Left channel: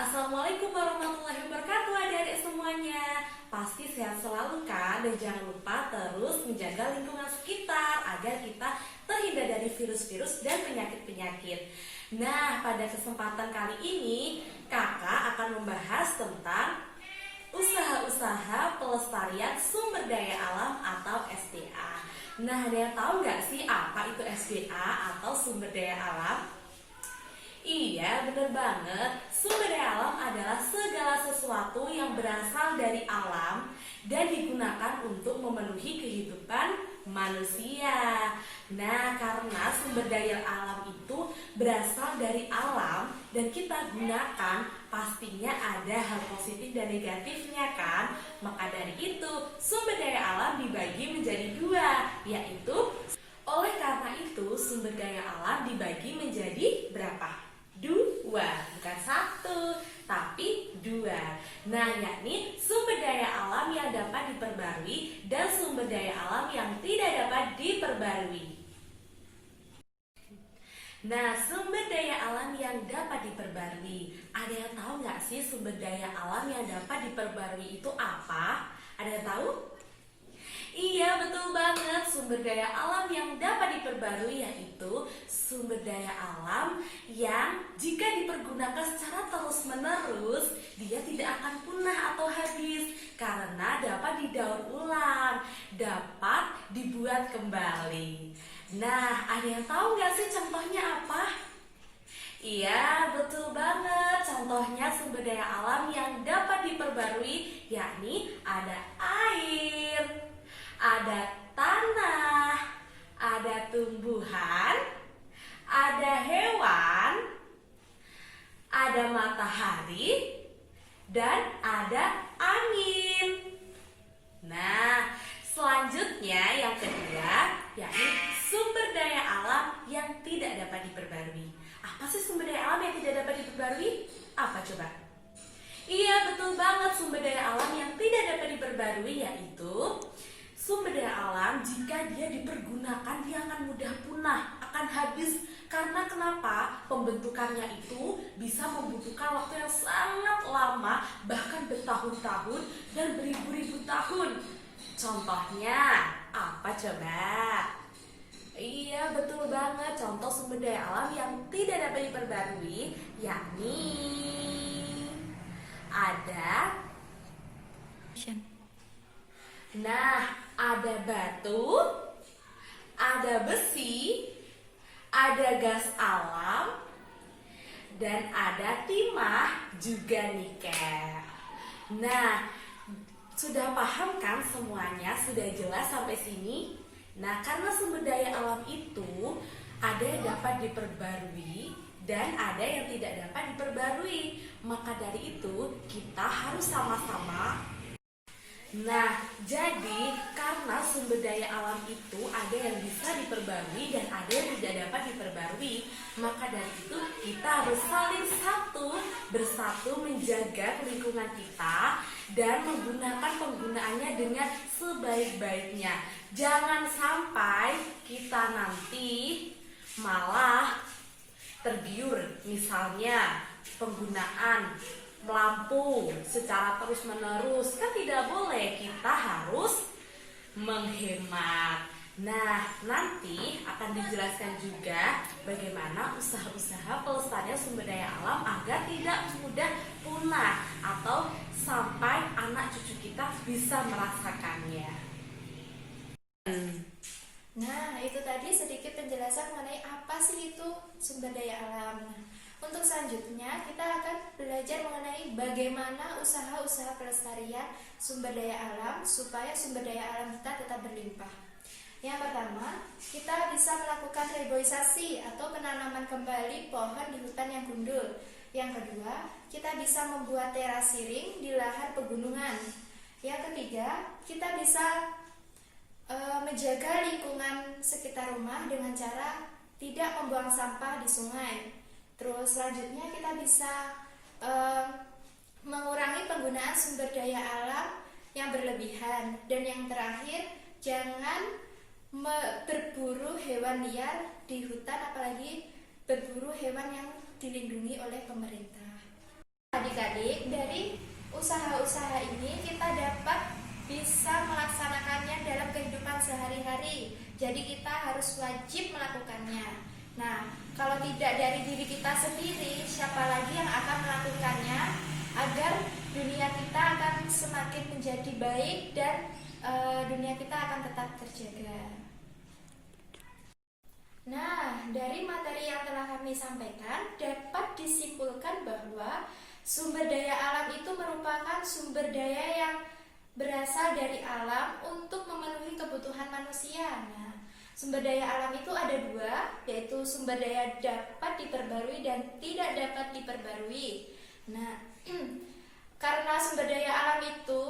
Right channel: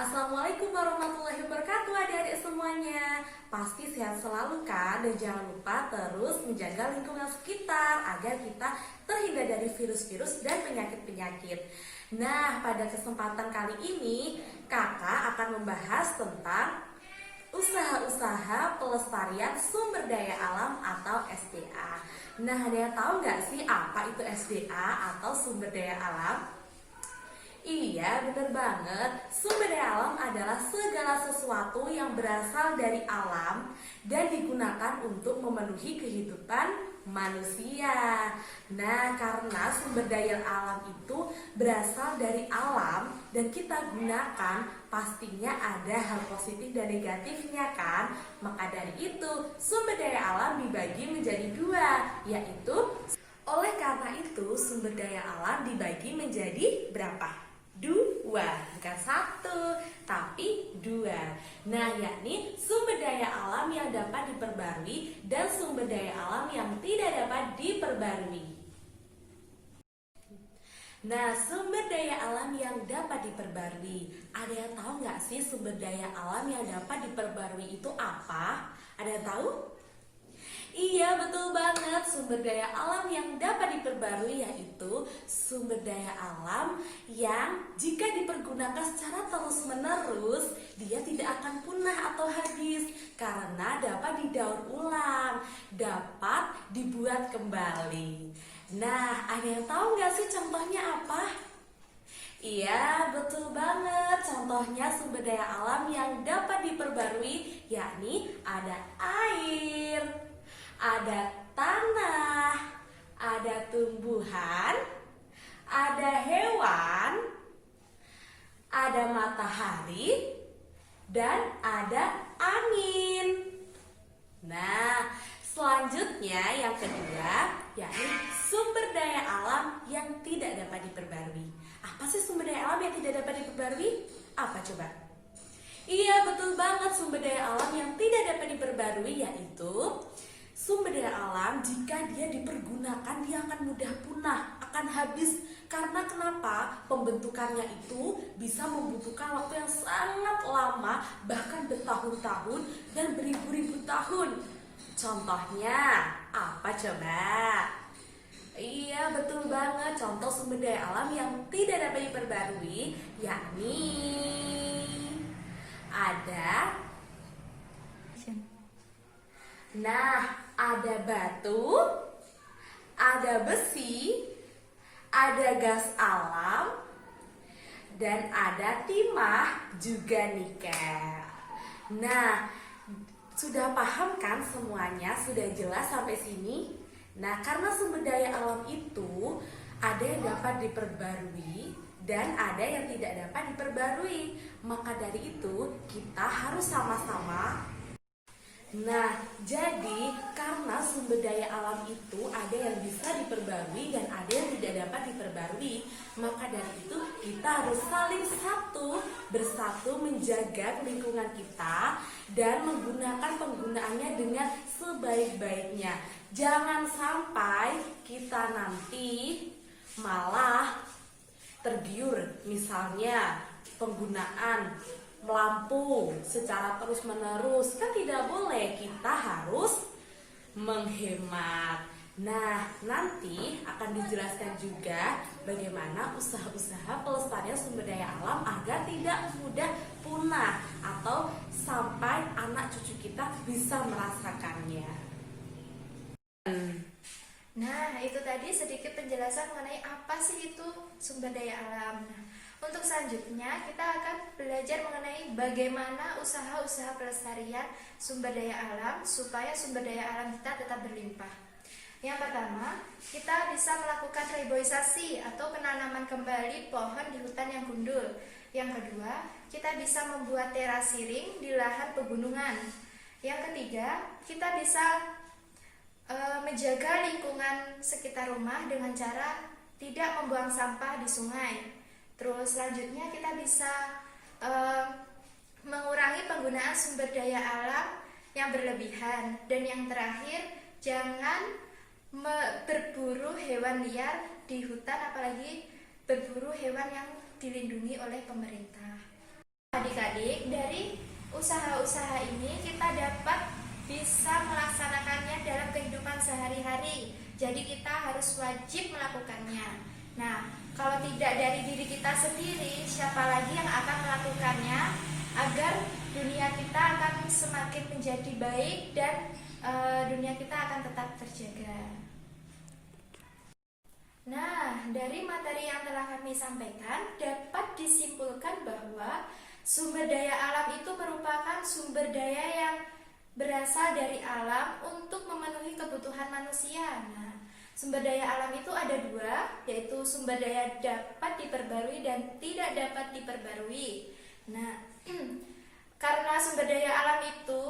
Assalamualaikum warahmatullahi wabarakatuh adik-adik semuanya. Pasti sehat selalu kan? Dan jangan lupa terus menjaga lingkungan sekitar agar kita terhindar dari virus-virus dan penyakit-penyakit. Nah, pada kesempatan kali ini kakak akan membahas tentang usaha-usaha pelestarian sumber daya alam atau SDA. Nah, ada yang tahu nggak sih apa itu SDA atau sumber daya alam? Iya, bener banget. Sumber daya alam adalah segala sesuatu yang berasal dari alam dan digunakan untuk memenuhi kehidupan manusia. Nah, karena sumber daya alam itu berasal dari alam dan kita gunakan, pastinya ada hal positif dan negatifnya kan? Maka dari itu, sumber daya alam dibagi menjadi dua, yaitu oleh karena itu, sumber daya alam dibagi menjadi berapa? Dua, bukan satu, tapi dua. Nah, yakni sumber daya alam yang dapat diperbarui dan sumber daya alam yang tidak dapat diperbarui. Nah, sumber daya alam yang dapat diperbarui. Ada yang tahu nggak sih sumber daya alam yang dapat diperbarui itu apa? Ada yang tahu? Iya, betul banget. Sumber daya alam yang dapat diperbarui yaitu sumber daya alam yang jika dipergunakan secara terus-menerus, dia tidak akan punah atau habis karena dapat didaur ulang, dapat dibuat kembali. Nah, ada yang tahu nggak sih contohnya apa? Iya, betul banget. Contohnya sumber daya alam yang dapat diperbarui yakni ada air, ada tanah, ada tumbuhan, ada hewan, ada matahari, dan ada angin. Nah, selanjutnya yang kedua, yakni sumber daya alam yang tidak dapat diperbarui. Apa sih sumber daya alam yang tidak dapat diperbarui? Apa coba? Iya, betul banget. Sumber daya alam yang tidak dapat diperbarui yaitu sumber daya alam jika dia dipergunakan dia akan mudah punah, akan habis. Karena kenapa? Pembentukannya itu bisa membutuhkan waktu yang sangat lama, bahkan bertahun-tahun dan beribu-ribu tahun. Contohnya apa coba? Iya, betul banget. Contoh sumber daya alam yang tidak dapat diperbarui yakni ada ada batu, ada besi, ada gas alam, dan ada timah juga nikel. Nah, sudah paham kan semuanya? Sudah jelas sampai sini? Nah, karena sumber daya alam itu ada yang dapat diperbarui dan ada yang tidak dapat diperbarui. Maka dari itu, kita harus sama-sama. Nah, jadi karena sumber daya alam itu ada yang bisa diperbarui dan ada yang tidak dapat diperbarui, maka dari itu kita harus saling bersatu menjaga lingkungan kita dan menggunakan penggunaannya dengan sebaik-baiknya. Jangan sampai kita nanti malah tergiur, misalnya penggunaan lampu secara terus-menerus, kan tidak boleh. Kita harus menghemat. Nah, nanti akan dijelaskan juga bagaimana usaha-usaha pelestarian sumber daya alam agar tidak mudah punah atau sampai anak cucu kita bisa merasakannya. Nah, itu tadi sedikit penjelasan mengenai apa sih itu sumber daya alam. Untuk selanjutnya, kita akan belajar mengenai bagaimana usaha-usaha pelestarian sumber daya alam supaya sumber daya alam kita tetap berlimpah. Yang pertama, kita bisa melakukan reboisasi atau penanaman kembali pohon di hutan yang gundul. Yang kedua, kita bisa membuat terasiring di lahan pegunungan. Yang ketiga, kita bisa menjaga lingkungan sekitar rumah dengan cara tidak membuang sampah di sungai. Terus selanjutnya kita bisa mengurangi penggunaan sumber daya alam yang berlebihan. Dan yang terakhir, jangan berburu hewan liar di hutan, apalagi berburu hewan yang dilindungi oleh pemerintah. Adik-adik, dari usaha-usaha ini kita dapat bisa melaksanakannya dalam kehidupan sehari-hari. Jadi kita harus wajib melakukannya. Nah, kalau tidak dari diri kita sendiri, siapa lagi yang akan melakukannya agar dunia kita akan semakin menjadi baik dan dunia kita akan tetap terjaga. Nah, dari materi yang telah kami sampaikan dapat disimpulkan bahwa sumber daya alam itu merupakan sumber daya yang berasal dari alam untuk memenuhi kebutuhan manusia. Nah, sumber daya alam itu ada dua, yaitu sumber daya dapat diperbarui dan tidak dapat diperbarui. Nah, karena sumber daya alam itu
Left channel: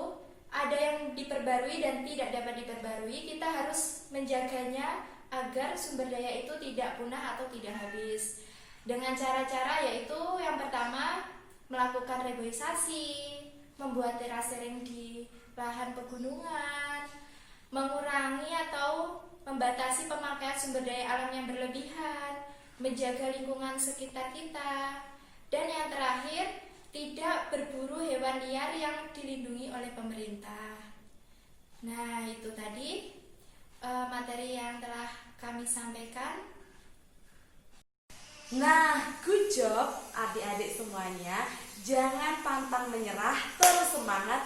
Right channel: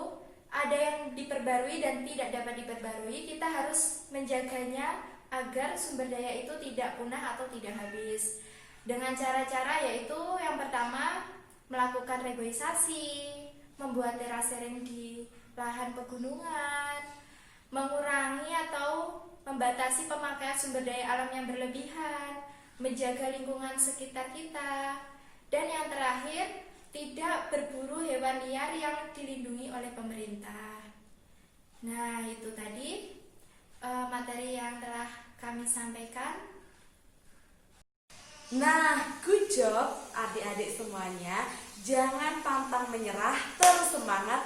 ada yang diperbarui dan tidak dapat diperbarui, kita harus menjaganya agar sumber daya itu tidak punah atau tidak habis. Dengan cara-cara yaitu yang pertama melakukan reboisasi, membuat terasering di lahan pegunungan, mengurangi atau membatasi pemakaian sumber daya alam yang berlebihan, menjaga lingkungan sekitar kita, dan yang terakhir tidak berburu hewan liar yang dilindungi oleh pemerintah. Nah, itu tadi materi yang telah kami sampaikan. Nah, good job adik-adik semuanya. Jangan pantang menyerah, terus semangat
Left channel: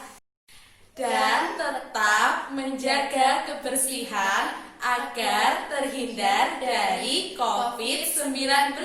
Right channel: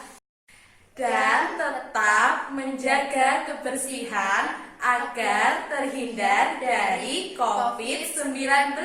dan tetap menjaga kebersihan agar terhindar dari COVID-19.